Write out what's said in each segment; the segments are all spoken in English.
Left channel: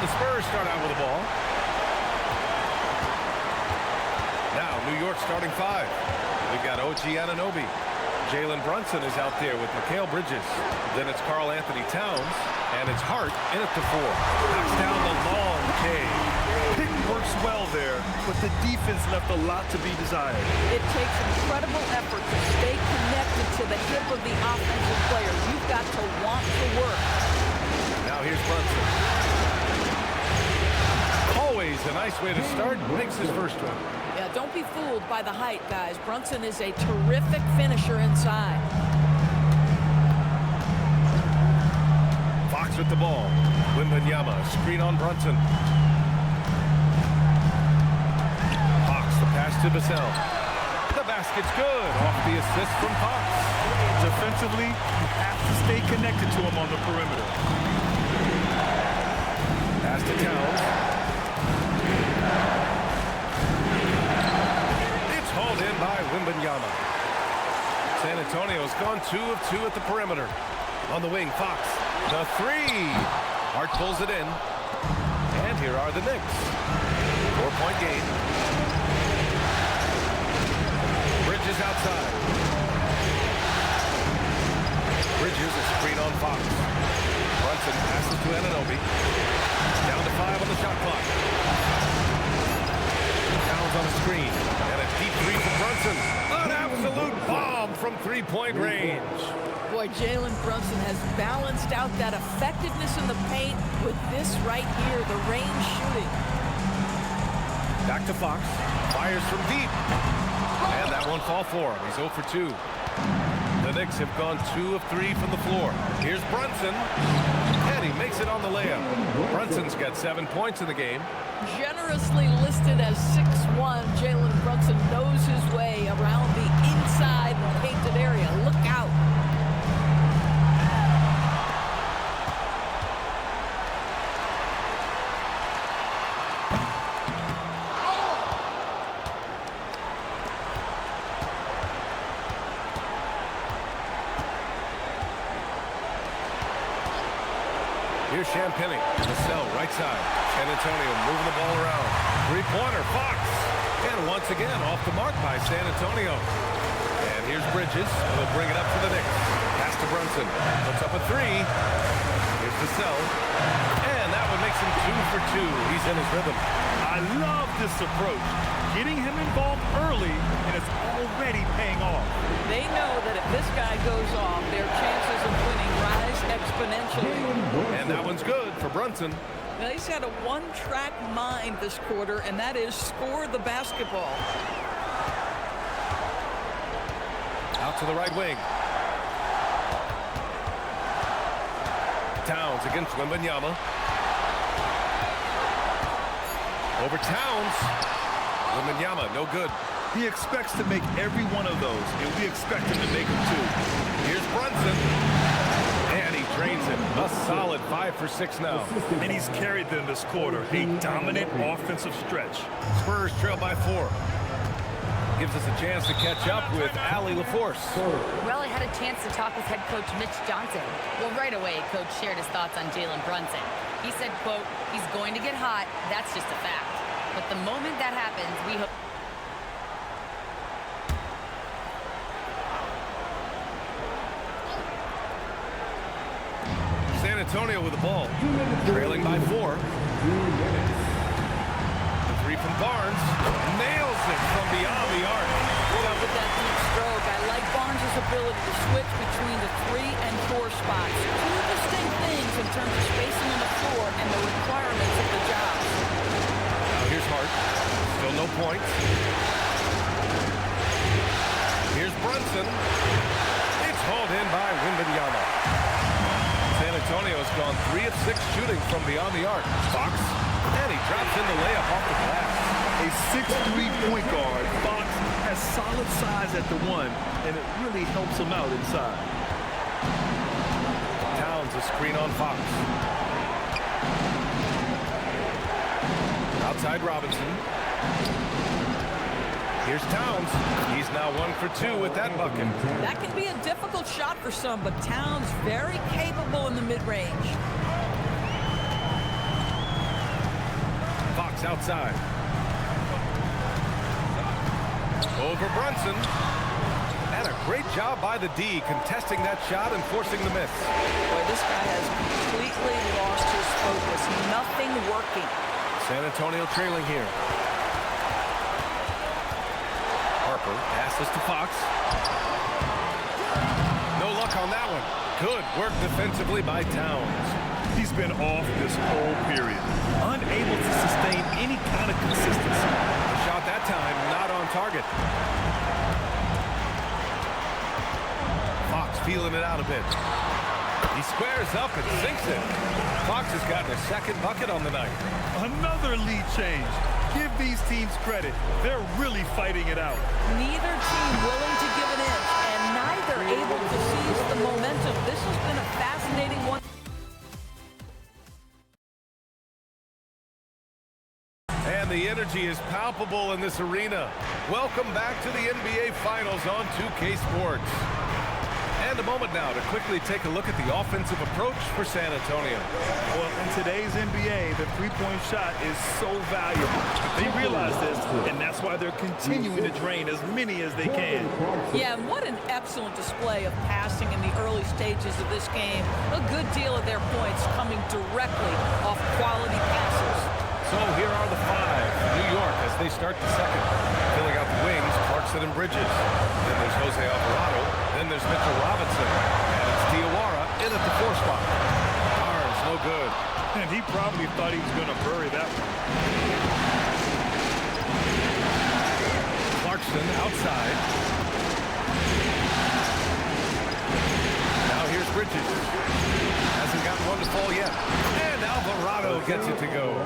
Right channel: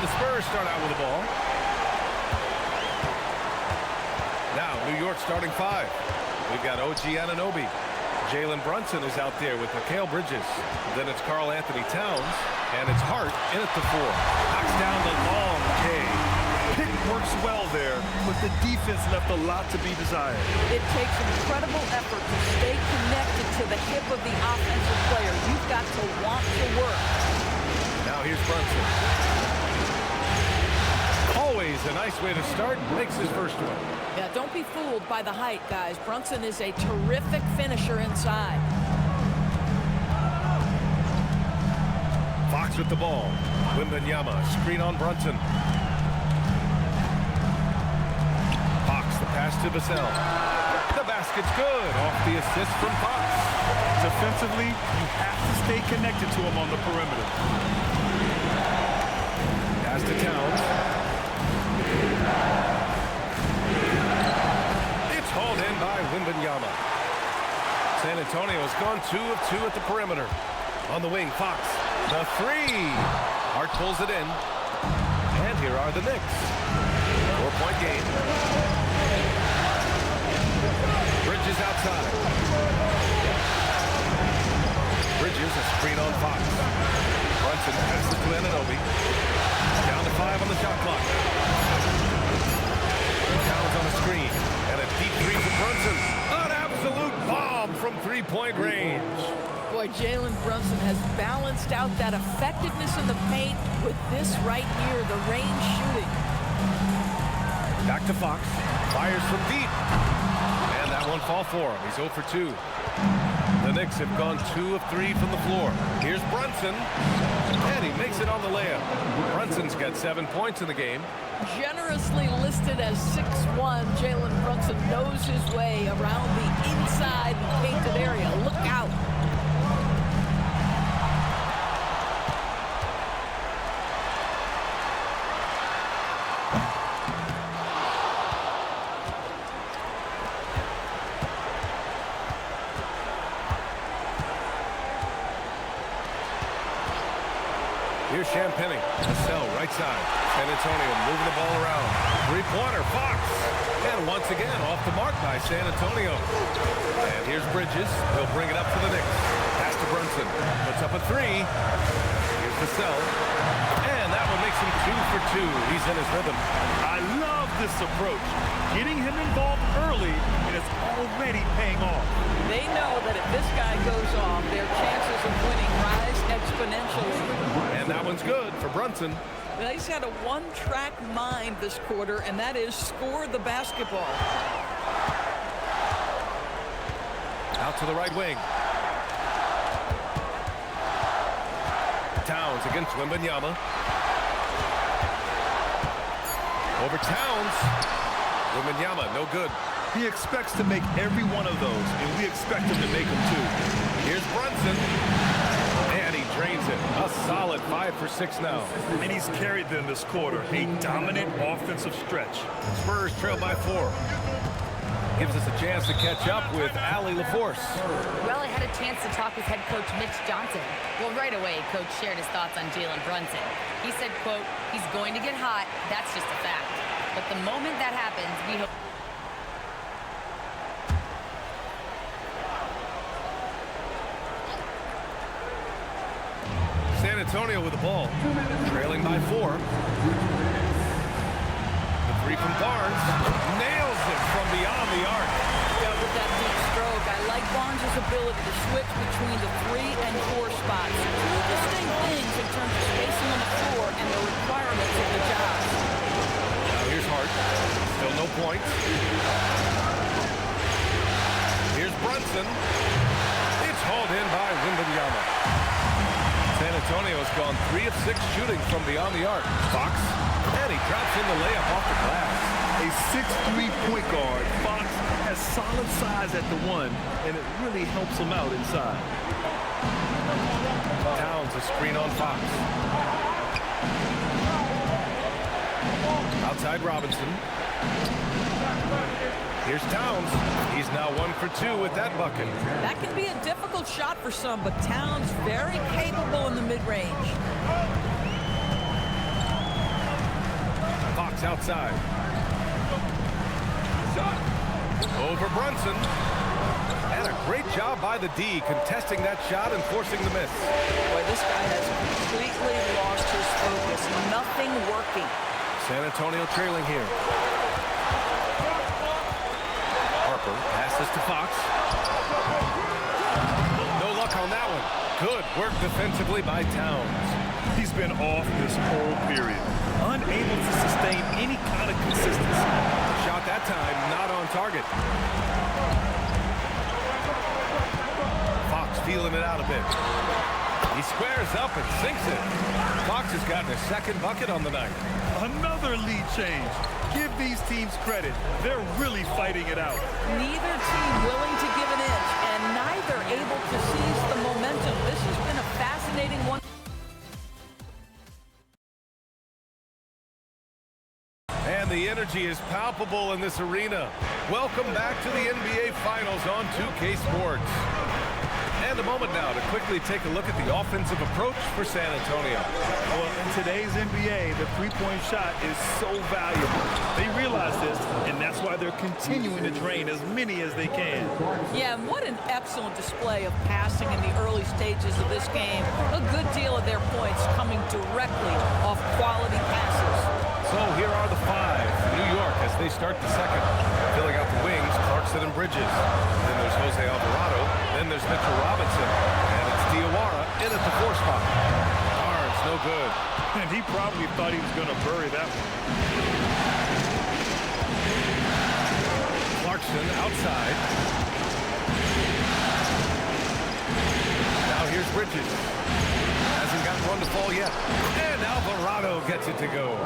And the Spurs start out with the ball. Now, New York starting 5. We've got OG Anunoby. Jalen Brunson is out there with Mikal Bridges. Then it's Karl Anthony Towns. And it's Hart in at the 4. Knocks down the long K. Pick works well there, but the defense left a lot to be desired. It takes incredible effort to stay connected to the hip of the offensive player. You've got to want to work. Now here's Brunson. Always a nice way to start. Makes his first one. Yeah, don't be fooled by the height, guys. Brunson is a terrific finisher inside. Fox with the ball. Wembanyama, screen on Brunson. Fox, the pass to Vassell. The basket's good. Off the assist from Fox. Defensively, you have to stay connected to him on the perimeter. Pass to Towns. It's hauled in by Wembanyama. San Antonio's gone 2 of 2 at the perimeter. On the wing, Fox. The 3. Hart pulls it in. And here are the Knicks. 4-point game. Bridges outside. Bridges, a screen on Fox. Brunson passes to Anunoby. Down to 5 on the shot clock. Towns on a screen. And a deep 3 from Brunson. An absolute bomb from 3-point range. Boy, Jalen Brunson has balanced out that effectiveness in the paint with this right here, the range shooting. Back to Fox. Fires from deep. And that one fall for him. He's 0 for 2. The Knicks have gone 2 of 3 from the floor. Here's Brunson. And he makes it on the layup. Brunson's got 7 points in the game. Generously listed as 6'1", Jalen Brunson knows his way around the inside and painted area. Look out. Here's Champagny. Vassell, right side. San Antonio moving the ball around. 3-pointer, Fox. And once again, off the mark by San Antonio. And here's Bridges. He'll bring it up for the Knicks. Pass to Brunson. Puts up a 3. Here's Vassell. And that one makes him 2 for 2. He's in his rhythm. I love this approach. Getting him involved early, and it's already paying off. They know that if this guy goes off, their chances of winning rise exponentially. And that one's good for Brunson. Now, he's had a one-track mind this quarter, and that is score the basketball. Out to the right wing. Towns against Wembanyama. Over Towns. Wembanyama, no good. He expects to make every one of those, and we expect him to make them too. Here's Brunson. And he drains it. A solid 5 for 6 now. And he's carried them this quarter. A dominant offensive stretch. Spurs trail by 4. Gives us a chance to catch up with Allie LaForce. Well, I had a chance to talk with head coach Mitch Johnson. Well, right away, coach shared his thoughts on Jalen Brunson. He said, quote, he's going to get hot. That's just a fact. But the moment that happens, we hope. San Antonio with the ball, trailing by 4. The 3 from Barnes, nails it from beyond the arc. Yeah, with that deep stroke, I like Barnes' ability to switch between the 3 and 4 spots. 2 distinct things in terms of spacing on the floor and the requirements of the job. Now here's Hart, still no points. Here's Brunson. It's hauled in by Wembanyama. San Antonio's gone 3 of 6 shooting from beyond the arc. Fox, and he drops in the layup off the glass. A 6'3" point guard, Fox has solid size at the 1, and it really helps him out inside. Towns a screen on Fox. Outside Robinson. Here's Towns. He's now 1 for 2 with that bucket. That can be a difficult shot for some, but Towns very capable in the mid-range. Fox outside. Over Brunson. And a great job by the D contesting that shot and forcing the miss. Boy, this guy has completely lost his focus. Nothing working. San Antonio trailing here. Harper passes to Fox. No luck on that one. Good work defensively by Towns. He's been off this whole period, unable to sustain any kind of consistency. The shot that time not on target. Fox feeling it out a bit. He squares up and sinks it. Fox has gotten a second bucket on the night. Another lead change. Give these teams credit. They're really fighting it out. Neither team willing to give an inch, and neither able to seize the momentum. This has been a fascinating one. And the energy is palpable in this arena. Welcome back to the NBA Finals on 2K Sports. And a moment now to quickly take a look at the offensive approach for San Antonio. Well, in today's NBA, the three-point shot is so valuable. They realize this, and that's why they're continuing to drain as many as they can. Yeah, and what an excellent display of passing in the early stages of this game. A good deal of their points coming directly off quality passes. So here are the five for New York as they start the second. Filling out the wings, Clarkson and Bridges. Then there's Jose Alvarado. Then there's Mitchell Robinson. And it's Diawara in at the 4 spot. Barnes, no good. And he probably thought he was going to bury that one. Clarkson outside. Now here's Bridges. Hasn't gotten one to fall yet. And Alvarado gets it to go.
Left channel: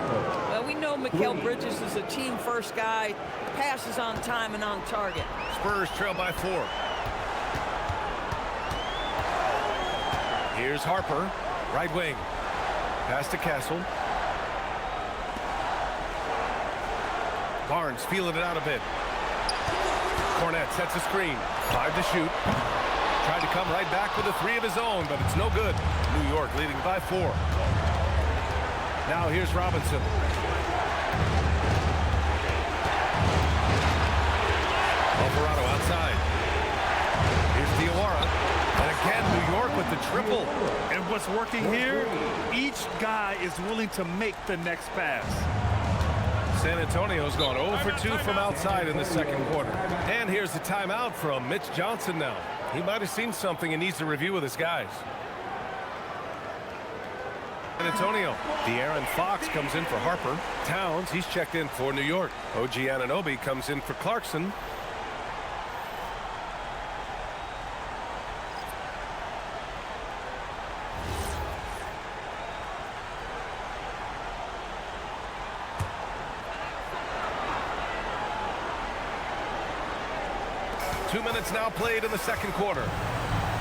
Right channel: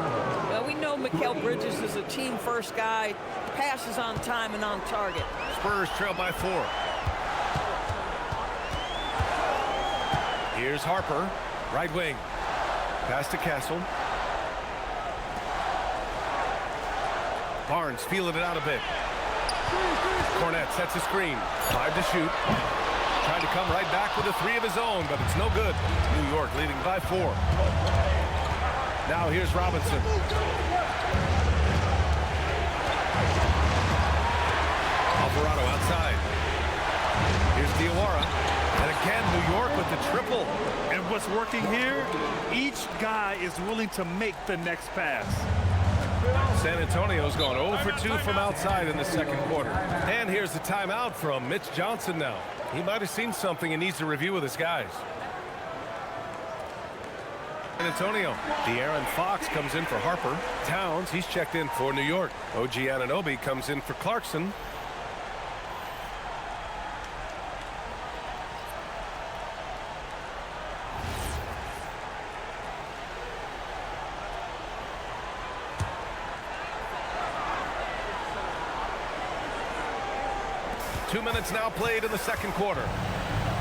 Well, we know Mikal Bridges is a team-first guy. Passes on time and on target. Spurs trail by 4. Here's Harper, right wing. Pass to Castle. Barnes feeling it out a bit. Cornette sets a screen. 5 to shoot. Tried to come right back with a 3 of his own, but it's no good. New York leading by 4. Now here's Robinson. Alvarado outside. Here's Diawara. And again, New York with the triple. And what's working here? Each guy is willing to make the next pass. San Antonio's gone 0 for 2 from outside in the second quarter. And here's the timeout from Mitch Johnson now. He might have seen something and needs to review with his guys. San Antonio. De'Aaron Fox comes in for Harper. Towns, he's checked in for New York. OG Anunoby comes in for Clarkson. Two minutes now played in the second quarter.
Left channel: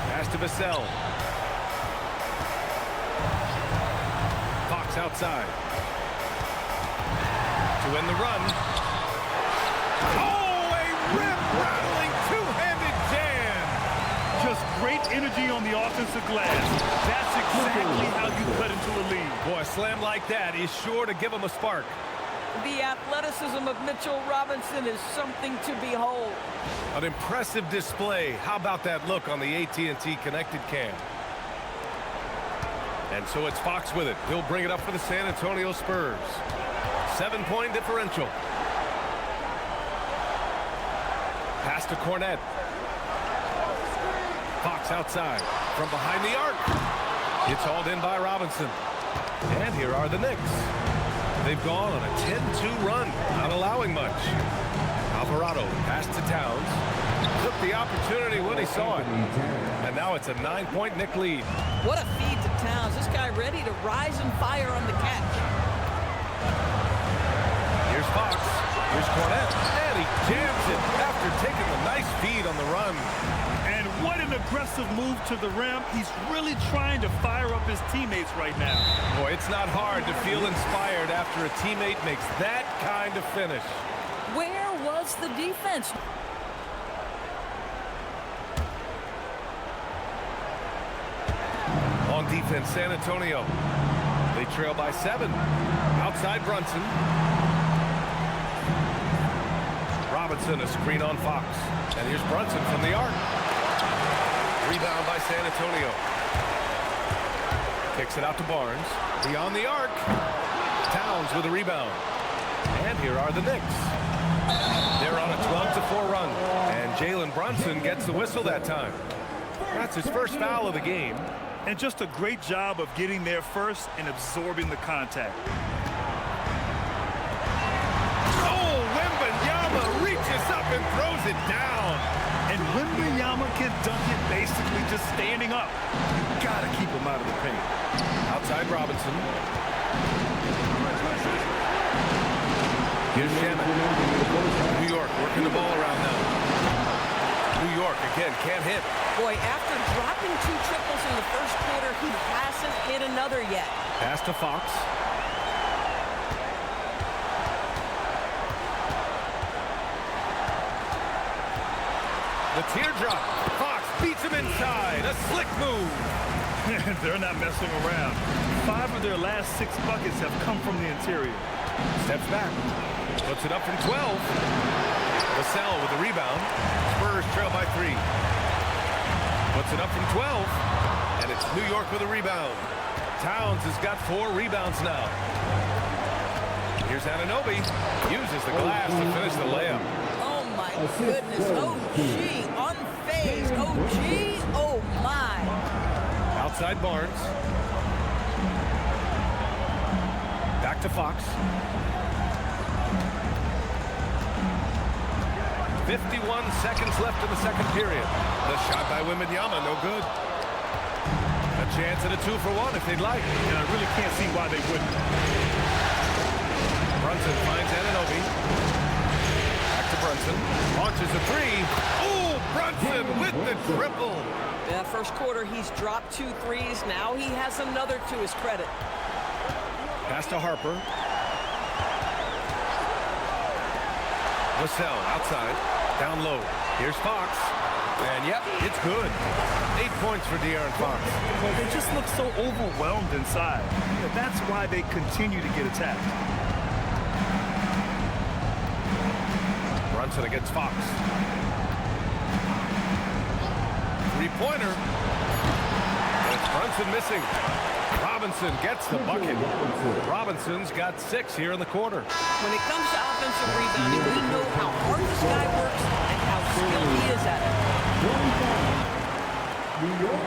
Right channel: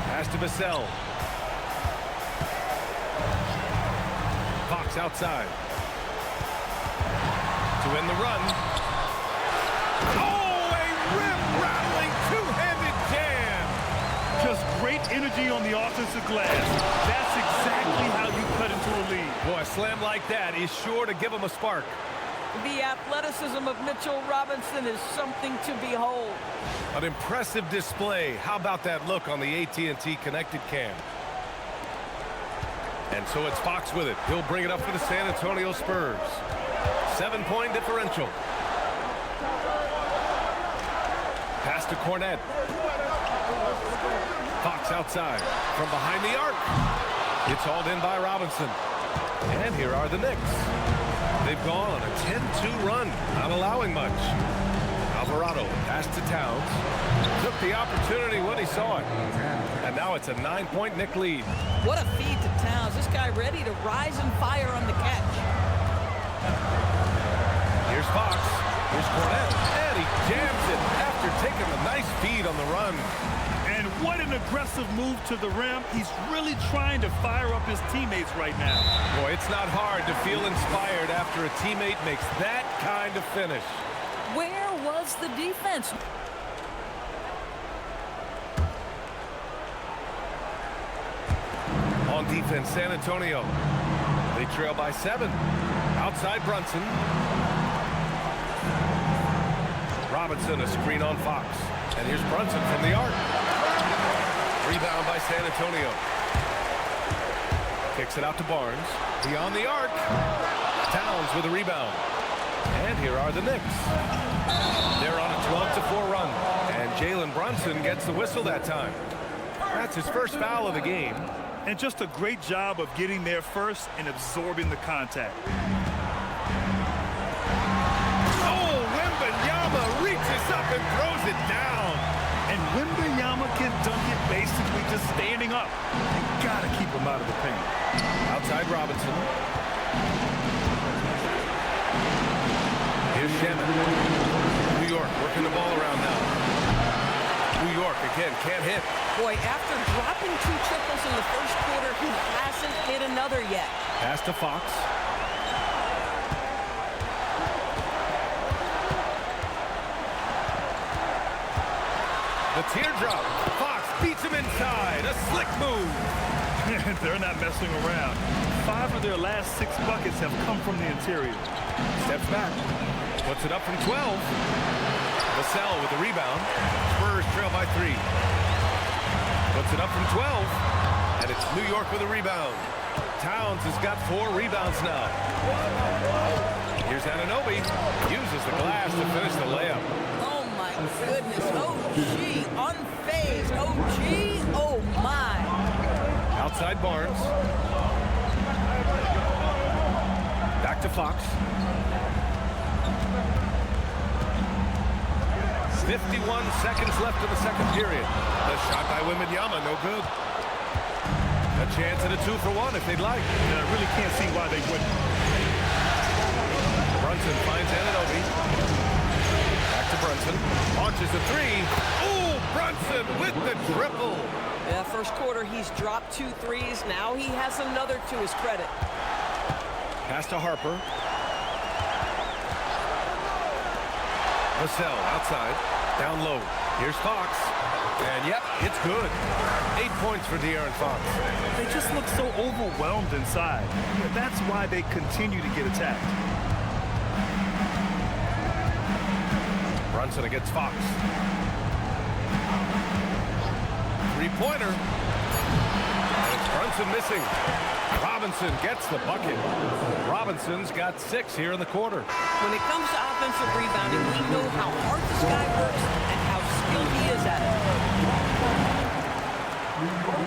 Pass to Vassell. Fox outside. To win the run. Oh, a rim-rattling two-handed jam. Just great energy on the offensive glass. That's exactly how you cut into a lead. Boy, a slam like that is sure to give him a spark. The athleticism of Mitchell Robinson is something to behold. An impressive display. How about that look on the AT&T connected cam? And so it's Fox with it. He'll bring it up for the San Antonio Spurs. 7-point differential. Pass to Cornette. Fox outside from behind the arc. It's hauled in by Robinson. And here are the Knicks. They've gone on a 10-2 run, not allowing much. Alvarado passed to Towns. Took the opportunity when he saw it. And now it's a 9-point Knick lead. What a feed to Towns. This guy ready to rise and fire on the catch. Here's Fox. Here's Cornette. And he jams it after taking the nice feed on the run. And what an aggressive move to the rim. He's really trying to fire up his teammates right now. Boy, it's not hard to feel inspired after a teammate makes that kind of finish. Where was the defense? On defense, San Antonio. They trail by 7. Outside Brunson. Robinson, a screen on Fox. And here's Brunson from the arc. Rebound by San Antonio. Kicks it out to Barnes. Beyond the arc. Towns with a rebound. And here are the Knicks. They're on a 12-4 run. And Jalen Brunson gets the whistle that time. That's his first foul of the game. And just a great job of getting there first and absorbing the contact. Oh, Wembanyama reaches up and throws it down. And Wembanyama can dunk it basically just standing up. You gotta keep him out of the paint. Outside Robinson. Here's Shaman. New York working the ball around now. New York again can't hit. Boy, after dropping 2 triples in the first quarter, he hasn't hit another yet. Pass to Fox. The teardrop. Fox beats him inside. A slick move. They're not messing around. 5 of their last 6 buckets have come from the interior. Steps back. Puts it up from 12. Vassell with the rebound. Spurs trail by 3. Puts it up from 12. And it's New York with a rebound. Towns has got 4 rebounds now. Here's Anunoby. Uses the glass to finish the layup. Oh, my goodness. Oh, gee. Unfazed. Oh, gee. Oh, my. Outside Barnes. Back to Fox. 51 seconds left in the second period. The shot by Wembanyama, no good. A chance at a 2-for-1 if they'd like. And I really can't see why they wouldn't. Brunson finds Anunoby. Back to Brunson. Launches a 3. Oh, Brunson with the triple. Yeah, first quarter, he's dropped 2 threes. Now he has another to his credit. Pass to Harper. Vassell outside. Down low. Here's Fox. And yep, it's good. 8 points for De'Aaron Fox. They just look so overwhelmed inside. Yeah, that's why they continue to get attacked. Brunson against Fox. 3-pointer. And it's Brunson missing. Robinson gets the bucket. Robinson's got 6 here in the quarter. When it comes to offensive rebounding, we know how hard this guy works and how skilled he is at it. New York,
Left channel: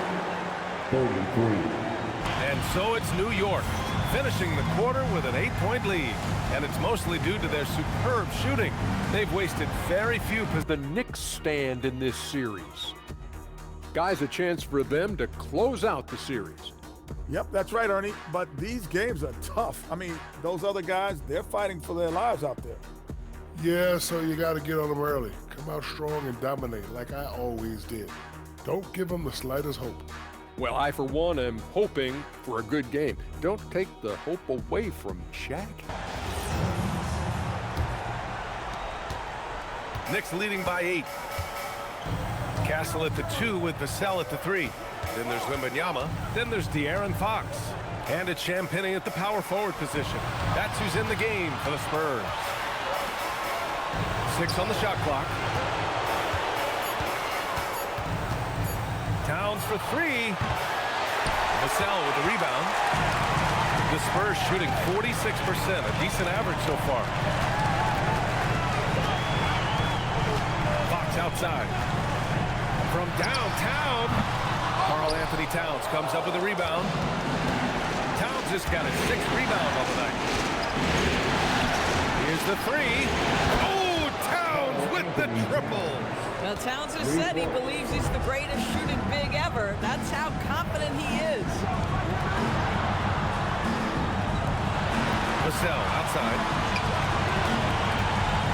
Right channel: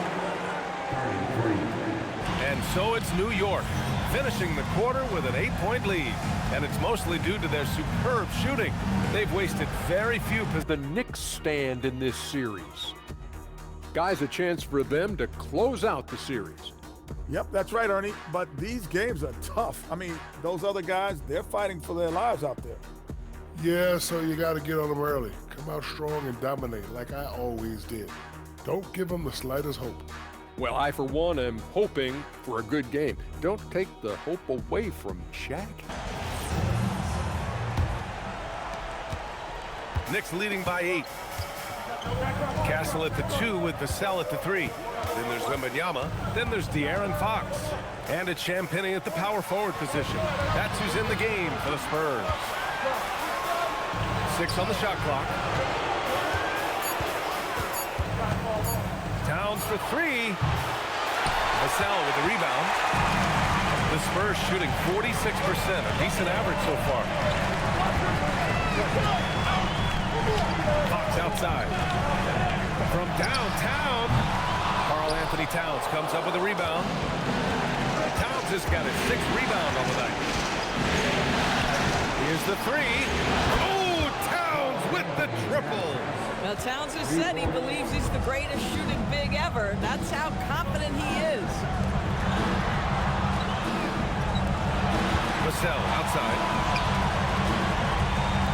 33. And so it's New York, finishing the quarter with an 8-point lead. And it's mostly due to their superb shooting. They've wasted very few possessions. The Knicks stand in this series. Guys, a chance for them to close out the series. Yep, that's right, Ernie. But these games are tough. I mean, those other guys, they're fighting for their lives out there. Yeah, so you got to get on them early. Come out strong and dominate like I always did. Don't give them the slightest hope. Well, I, for one, am hoping for a good game. Don't take the hope away from Shaq. Knicks leading by 8. Castle at the 2 with Vassell at the 3. Then there's Wembanyama. Then there's De'Aaron Fox. And it's Champagnie at the power forward position. That's who's in the game for the Spurs. 6 on the shot clock. Towns for 3. Vassell with the rebound. The Spurs shooting 46%, a decent average so far. Fox outside. From downtown, Karl-Anthony Towns comes up with a rebound. Towns has got his 6th rebound on the night. Here's the 3. Oh, Towns with the triple. Now, Towns has said he believes he's the greatest shooting big ever. That's how confident he is. Vassell outside.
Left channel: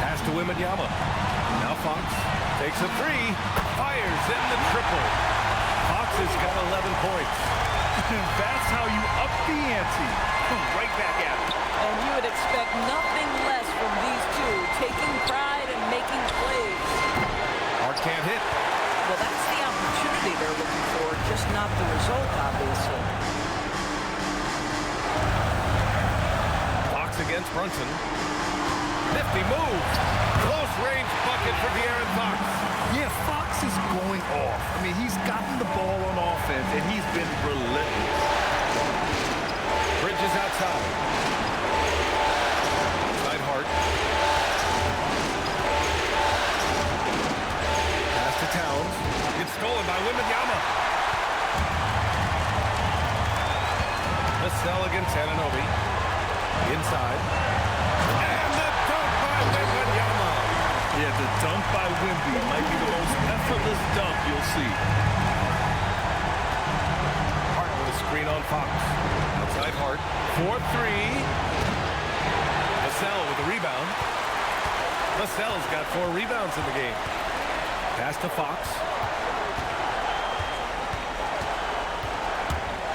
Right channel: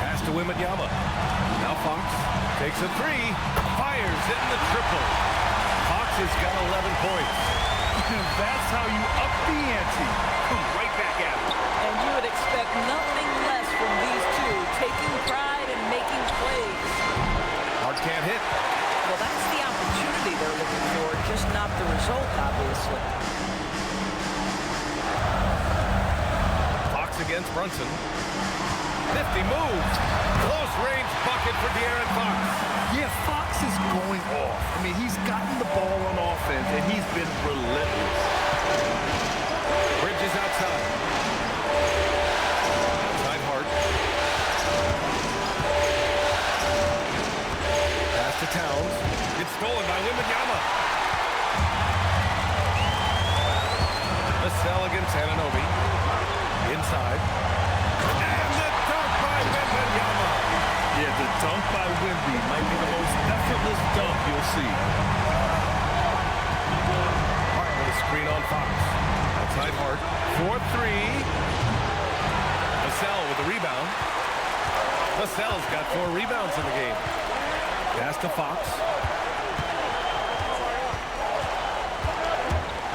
Pass to Wembanyama. Now Fox takes a 3. Fires in the triple. Fox has got 11 points. That's how you up the ante. Come right back at it. And you would expect nothing less from these two, taking pride and making plays. Hart can't hit. Well, that's the opportunity they're looking for, just not the result, obviously. Fox against Brunson. Nifty move. Close-range bucket for De'Aaron Fox. Yeah, Fox is going off. I mean, he's gotten the ball on offense, and he's been relentless. Bridges outside. Outside Hart. Pass to Towns. Gets stolen by Wembanyama. Vassell against Anunoby. Inside. And the dunk by Wembanyama. Yeah, the dunk by Wemby might be the most effortless dunk you'll see. Hart with a screen on Fox. Outside Hart. 4-3. Vassell with the rebound. Vassell's got 4 rebounds in the game. Pass to Fox.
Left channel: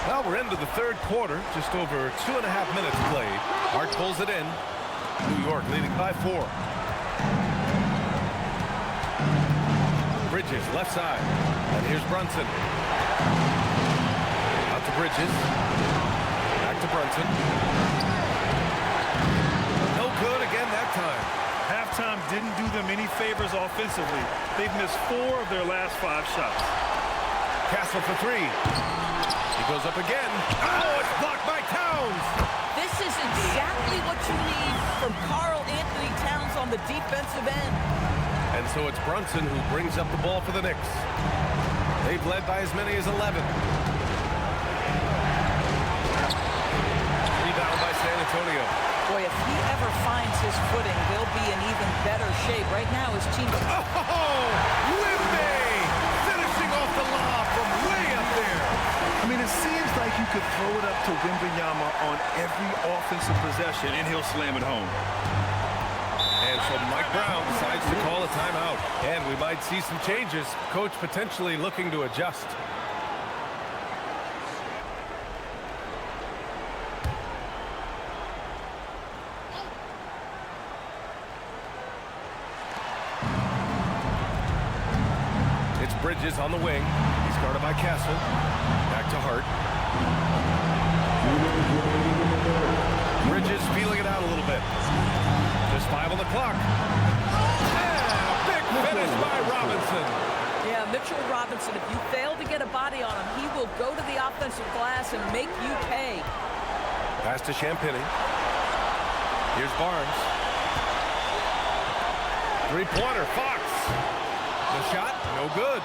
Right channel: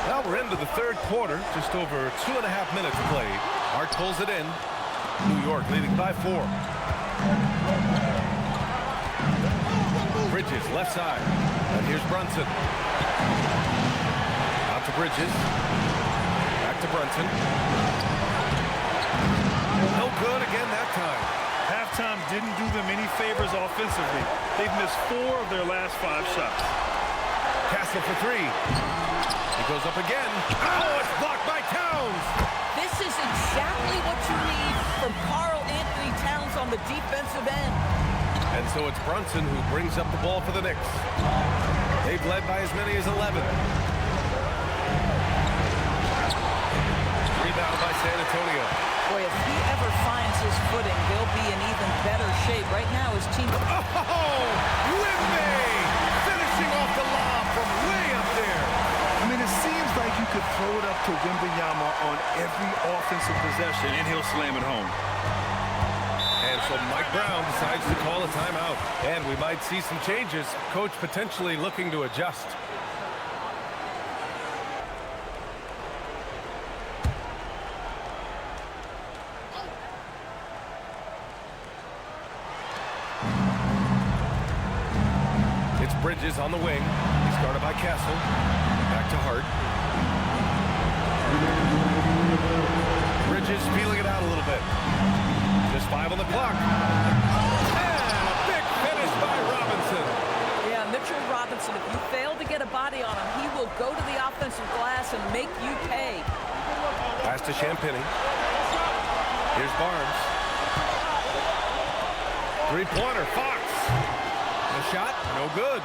Well, we're into the third quarter. Just over 2.5 minutes played. Hart pulls it in. New York leading by 4. Bridges, left side. And here's Brunson. Out to Bridges. Back to Brunson. No good again that time. Halftime didn't do them any favors offensively. They've missed 4 of their last 5 shots. Castle for 3. He goes up again. Oh, it's blocked by Towns. This is exactly what you need from Karl Anthony Towns on the defensive end. And so it's Brunson who brings up the ball for the Knicks. They've led by as many as 11. Rebound by San Antonio. Boy, if he ever finds his footing, they'll be in even better shape. Right now, his team... Oh, Wemby finishing off the lob from way up there. I mean, it seems like you could throw it up to Wembanyama on every offensive possession, and he'll slam it home. And so Mike Brown decides to call a timeout. And we might see some changes. Coach potentially looking to adjust. It's Bridges on the wing. He's guarded by Castle. Back to Hart. Bridges feeling it out a little bit. Just 5 on the clock. And a big finish by Robinson. Yeah, Mitchell Robinson, if you fail to get a body on him, he will go to the offensive glass and make you pay. Pass to Champagny. Here's Barnes. 3-pointer, Fox. The shot, no good.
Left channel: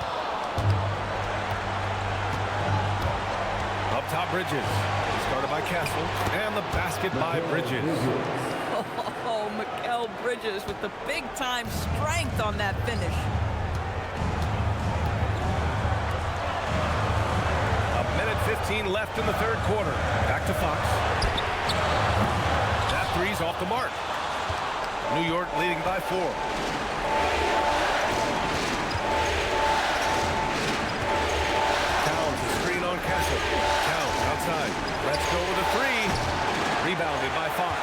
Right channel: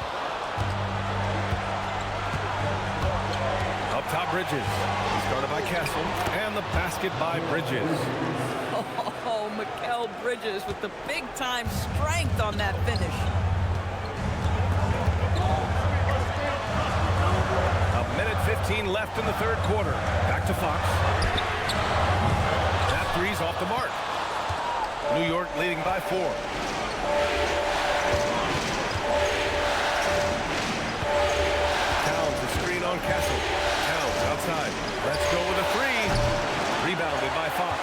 Up top, Bridges. He's guarded by Castle. And the basket by Bridges. Oh, Mikal Bridges with the big-time strength on that finish. A minute 15 left in the third quarter. Back to Fox. That three's off the mark. New York leading by 4. Towns, a screen on Castle. Towns outside. Let's go with a 3. Rebounded by Fox.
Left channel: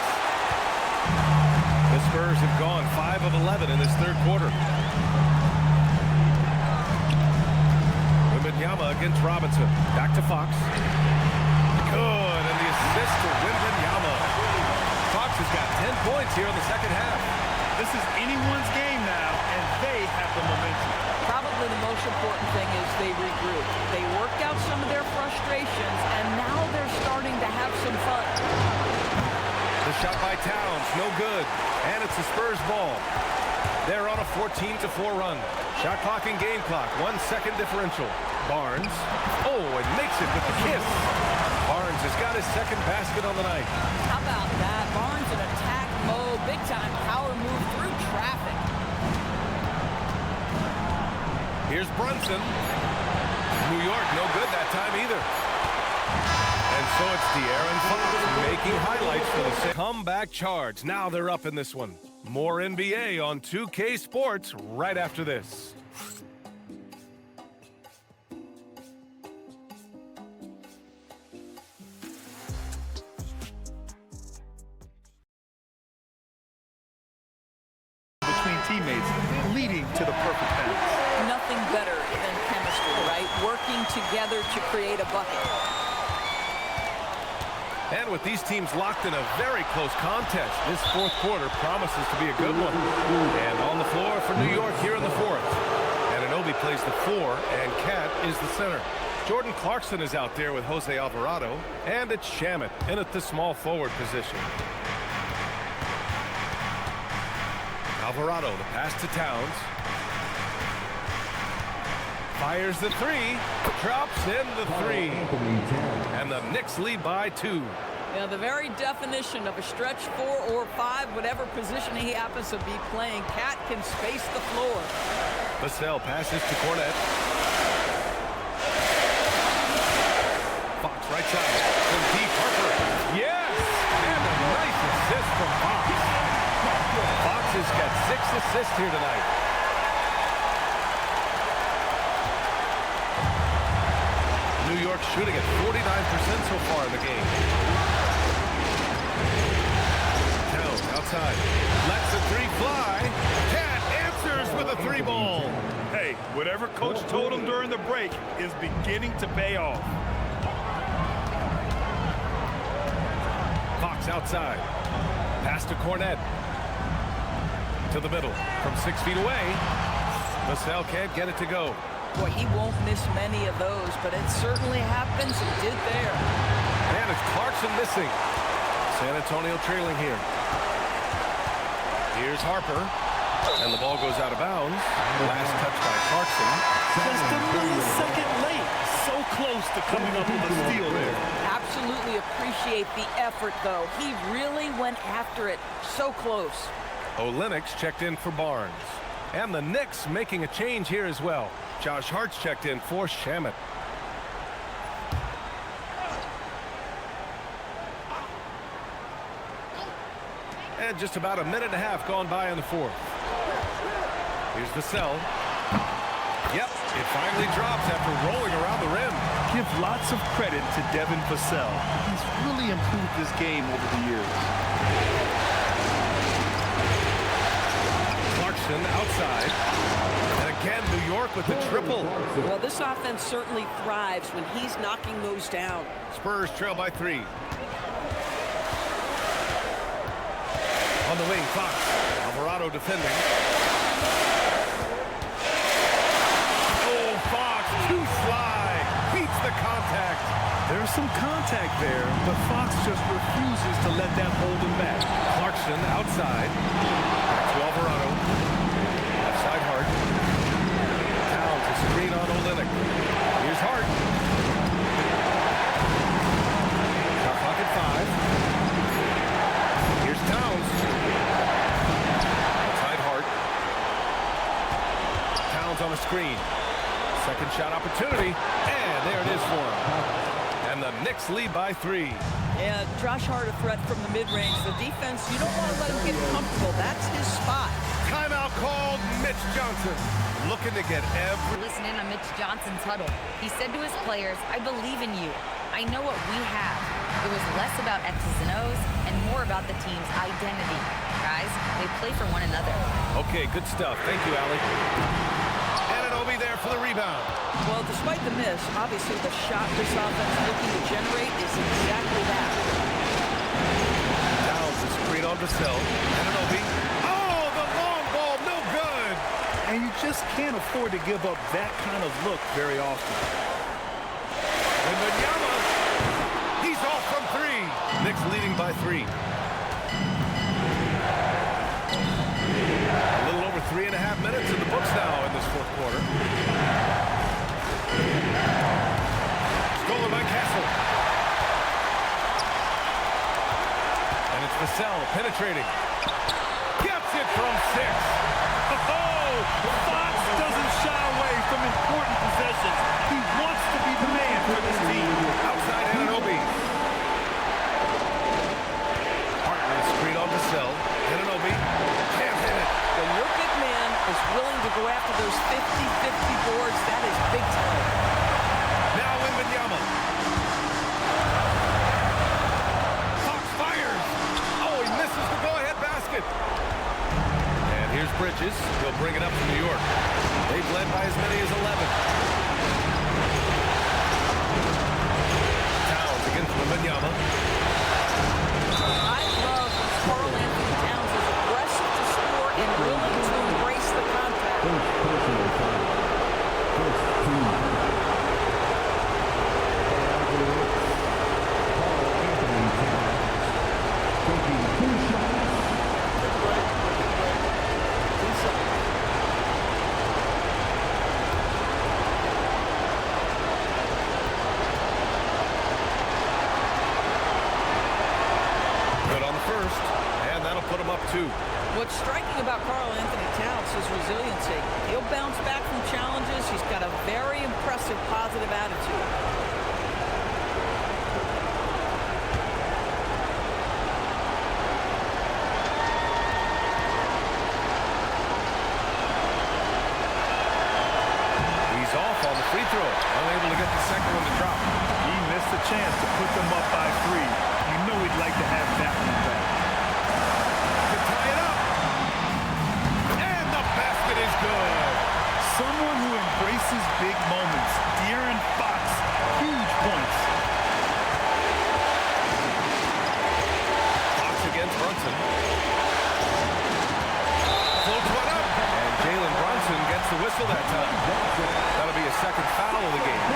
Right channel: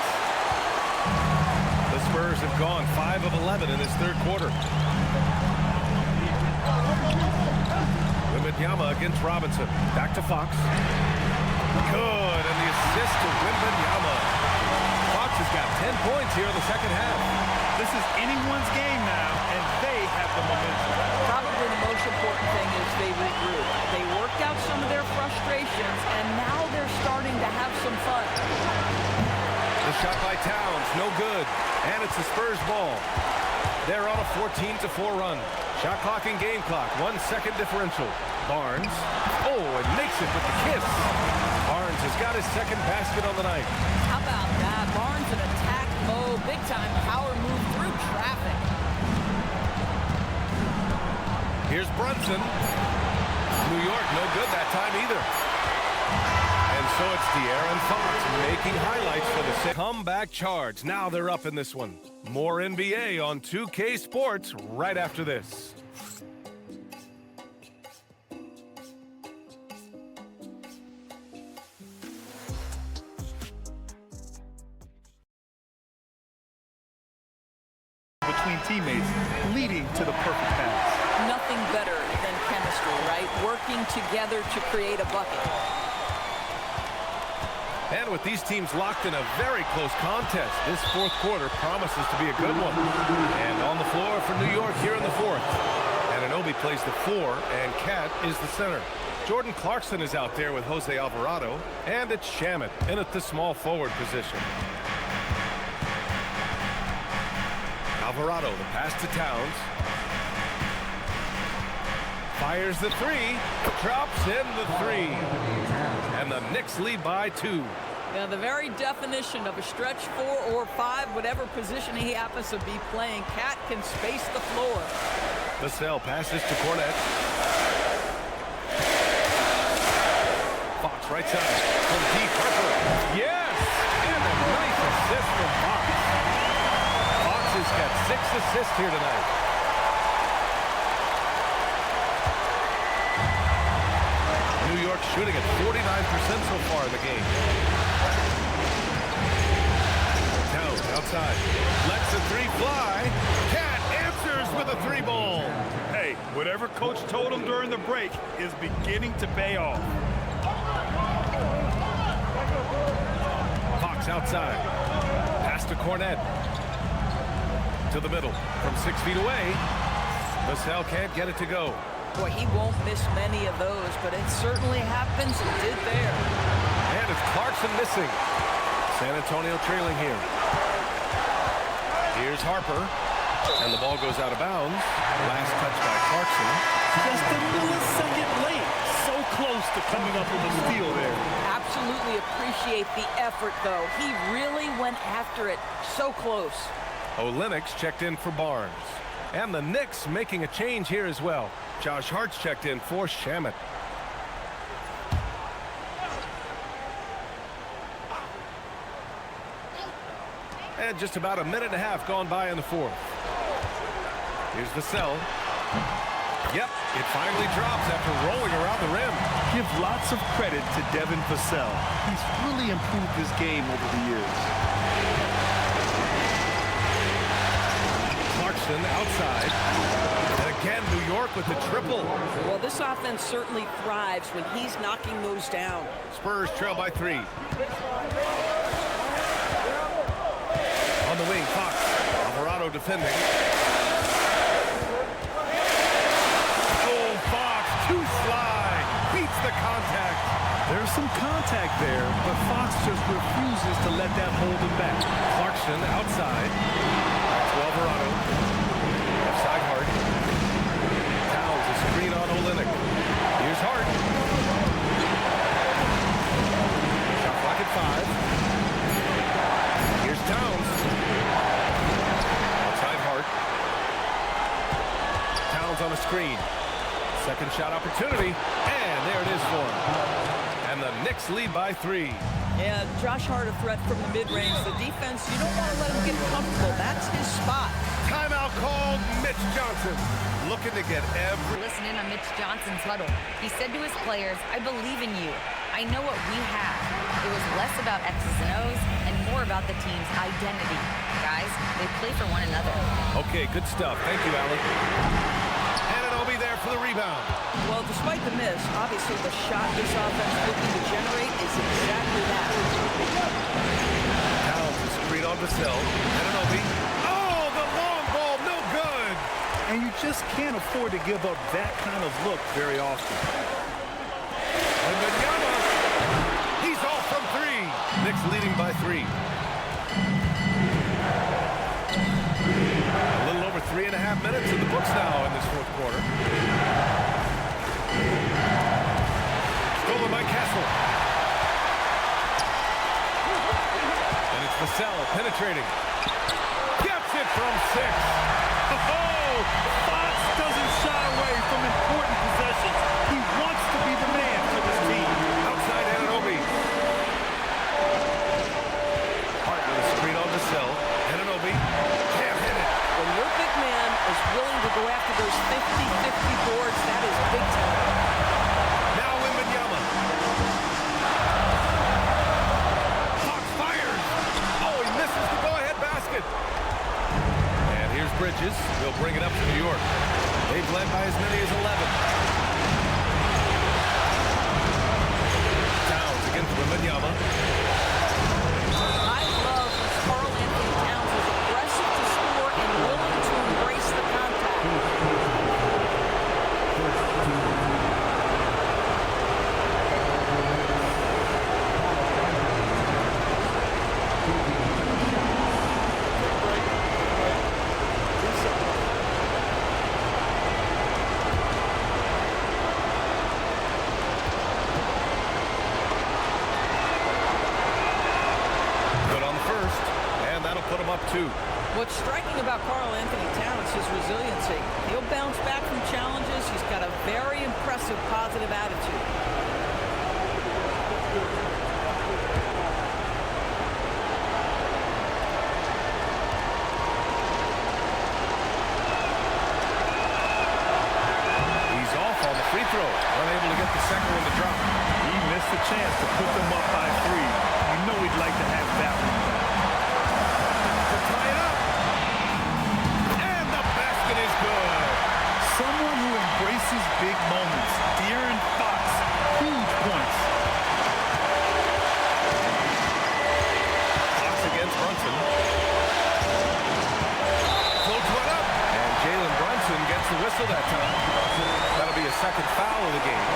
The Spurs have gone 5 of 11 in this third quarter. Wembanyama against Robinson. Back to Fox. Good, and the assist to Wembanyama. Fox has got 10 points here in the second half. This is anyone's game now, and they have the momentum. Probably the most important thing is they regroup. They worked out some of their frustrations, and now they're starting to have some fun. The shot by Towns, no good. And it's the Spurs ball. They're on a 14-4 run. Shot clock and game clock, 1 second differential. Barnes, and makes it with the kiss. Barnes has got his second basket on the night. How about that? Barnes in attack mode, big-time power move through traffic. Here's Brunson. New York, no good that time either. And so it's De'Aaron Fox making highlights for the comeback charge. Now they're up in this one. More NBA on 2K Sports right after this. Between teammates, leading to the perfect pass. Nothing better than chemistry, right? Working together to create a bucket. And with these teams locked in a very close contest, this fourth quarter promises to be a good one. And on the floor for New York here in the fourth. Anunoby plays the 4, and Cat is the center. Jordan Clarkson is out there with Jose Alvarado, and it's Shamet in at the small forward position. Alvarado, the pass to Towns. Fires the 3, drops in the 3. And the Knicks lead by 2. Yeah, the very definition of a stretch 4 or 5, whatever position he happens to be playing, Cat can space the floor. Vassell passes to Cornette. Fox right side from deep. Harper. Yes! And a nice assist from Fox. Fox has got 6 assists here tonight. New York shooting at 49% so far in the game. Towns outside. Lets the 3 fly. Cat answers with a 3-ball. Hey, whatever coach told him during the break is beginning to pay off. Fox outside. Pass to Cornette. To the middle. From 6 feet away. Vassell can't get it to go. Boy, he won't miss many of those, but it certainly happens and did there. And it's Clarkson missing. San Antonio trailing here. Here's Harper. And the ball goes out of bounds. Last touch by Clarkson. Just a millisecond late. So close to coming up with a steal there. Absolutely appreciate the effort, though. He really went after it. So close. Olenek's checked in for Barnes. And the Knicks making a change here as well. Josh Hart's checked in for Shamet. And just about a minute and a half gone by in the fourth. Here's Vassell. Yep, it finally drops after rolling around the rim. Give lots of credit to Devin Vassell. He's really improved his game over the years. Clarkson outside. And again, New York with the triple. Well, this offense certainly thrives when he's knocking those down. Spurs trail by 3. On the wing, Fox. Alvarado defending. Oh, Fox, too sly. Beats the contact. There's some contact there, but Fox just refuses to let that hold him back. Clarkson outside. Back to Alvarado. Left side Hart. Towns a screen on Olenek. Here's Hart. Shot clock at 5. Here's Towns. Outside Hart. Towns on a screen. Second shot opportunity. And there it is for him. And the Knicks lead by 3. Yeah, Josh Hart a threat from the mid-range. The defense, you don't want to let him get comfortable. That's his spot. Timeout called. Mitch Johnson looking to get every... Listen in on Mitch Johnson's huddle. He said to his players, "I believe in you. I know what we have." It was less about X's and O's and more about the team's identity. Guys, they play for one another. Okay, good stuff. Thank you, Allie. Anunoby there for the rebound. Well, despite the miss, obviously the shot this offense looking to generate is exactly that. Towns is screen on Vassell. Anunoby. Oh, the long ball, no good. And you just can't afford to give up that kind of look very often. Wembanyama. He's off from 3. Knicks leading by 3. A little over 3.5 minutes in the books now in this fourth quarter. Stolen by Castle. And it's Vassell penetrating. Gets it from 6. Oh, Fox doesn't shy away from important possessions. He wants to be the man for this team. Outside Anunoby. Hart with a screen on Vassell. Anunoby can't hit it. When your big man is willing to go after those 50-50 boards, that is big time. Now Wembanyama. Fox fires. Oh, he misses the go-ahead basket. And here's Bridges. He'll bring it up to New York. They've led by as many as 11. Towns against Wembanyama. Big break. Big break. 2 shots. Good on the first, and that'll put him up 2. What's striking about Karl Anthony Towns is his resiliency. He'll bounce back from challenges. He's got a very impressive positive attitude. He's off on the free throw, unable to get the second one to drop. He missed a chance to put them up by 3. You know he'd like to have that one back. To tie it up. And the basket is good. Someone who embraces big moments. De'Aaron Fox, huge points. Fox against Brunson. Floats one up. And Jalen Brunson gets the whistle that time. That'll be a second foul of the game.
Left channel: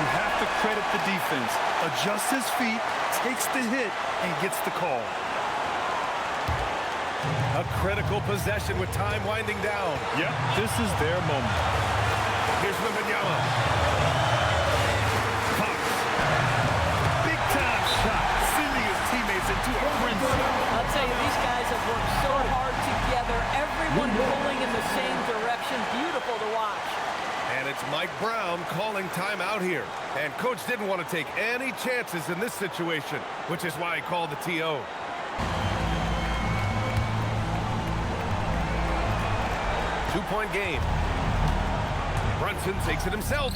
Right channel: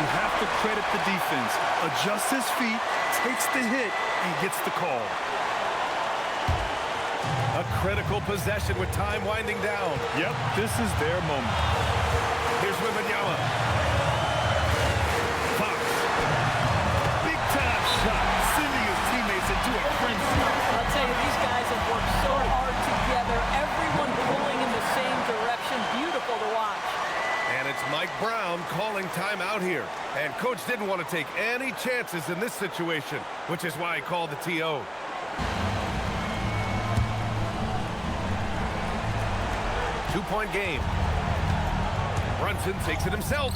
You have to credit the defense. Adjusts his feet, takes the hit, and gets the call. A critical possession with time winding down. Yep, this is their moment. Here's Wembanyama. Fox. Big-time shot, sending his teammates into a frenzy. I'll tell you, these guys have worked so hard together. Everyone pulling in the same direction. Beautiful to watch. And it's Mike Brown calling timeout here. And coach didn't want to take any chances in this situation, which is why he called the TO. Two-point game. Brunson takes it himself.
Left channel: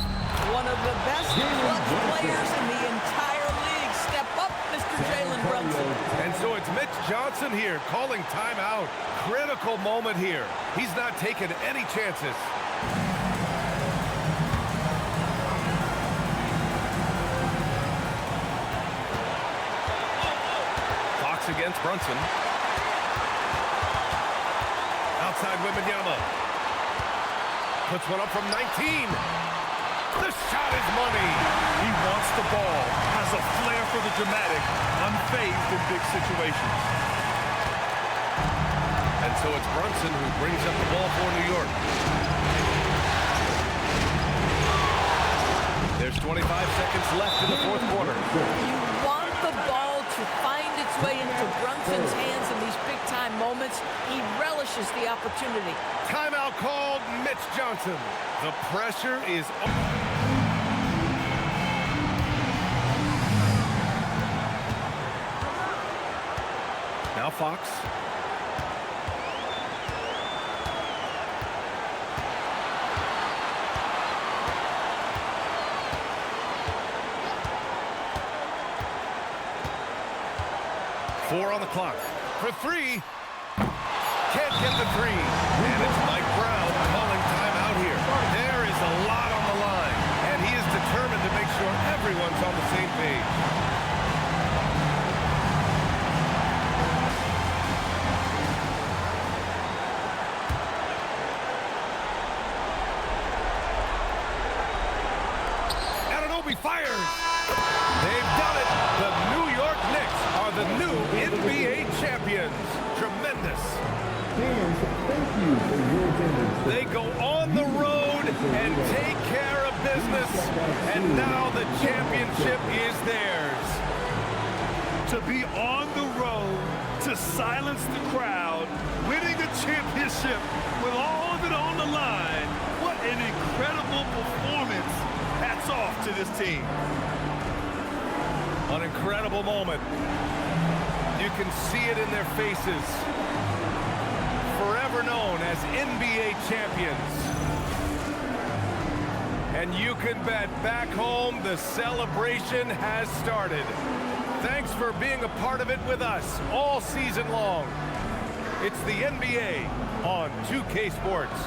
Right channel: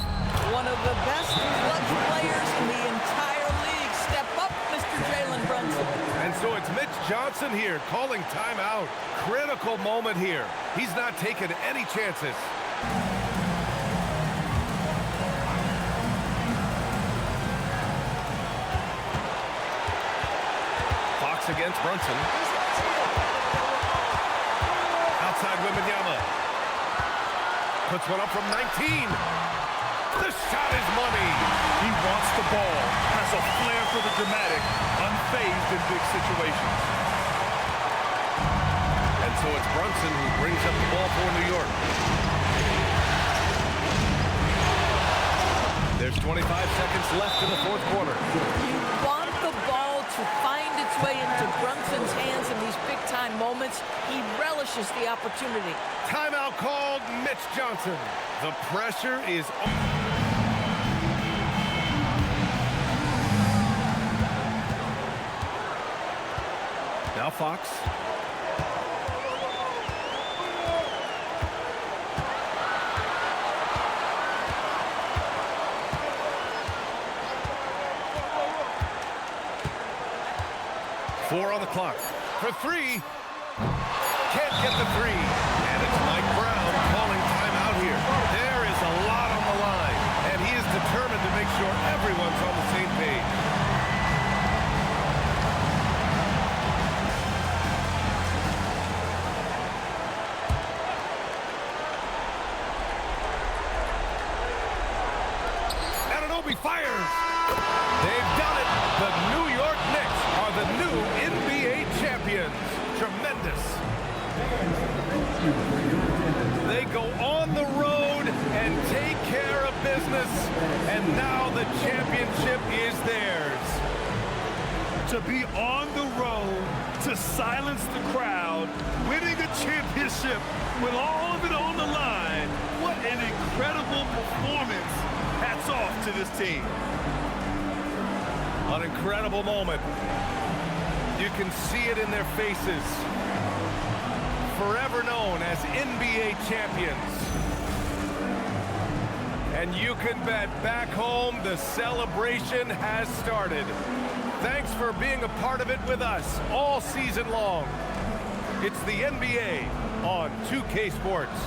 One of the best clutch players in the entire league. Step up, Mr. Jalen Brunson. And so it's Mitch Johnson here calling timeout. Critical moment here. He's not taking any chances. Fox against Brunson. Outside Wembanyama. Puts one up from 19. The shot is money. He wants the ball, has a flair for the dramatic, unfazed in big situations. And so it's Brunson who brings up the ball for New York. There's 25 seconds left in the fourth quarter. You want the ball to find its way into Brunson's hands in these big-time moments. He relishes the opportunity. Timeout called, Mitch Johnson. The pressure is on. Now Fox. Four on the clock. For 3. Can't get the 3. And it's Mike Brown calling timeout here. There is a lot on the line. And he is determined to make sure everyone's on the same page. Anunoby fires. They've done it. The New York Knicks are the new NBA champions. Tremendous. They go on the road and take care of business. And now the championship is theirs. To be on the road, to silence the crowd, winning a championship with all of it on the line. What an incredible performance. Hats off to this team. An incredible moment. You can see it in their faces. Forever known as NBA champions. And you can bet back home the celebration has started. Thanks for being a part of it with us all season long. It's the NBA on 2K Sports.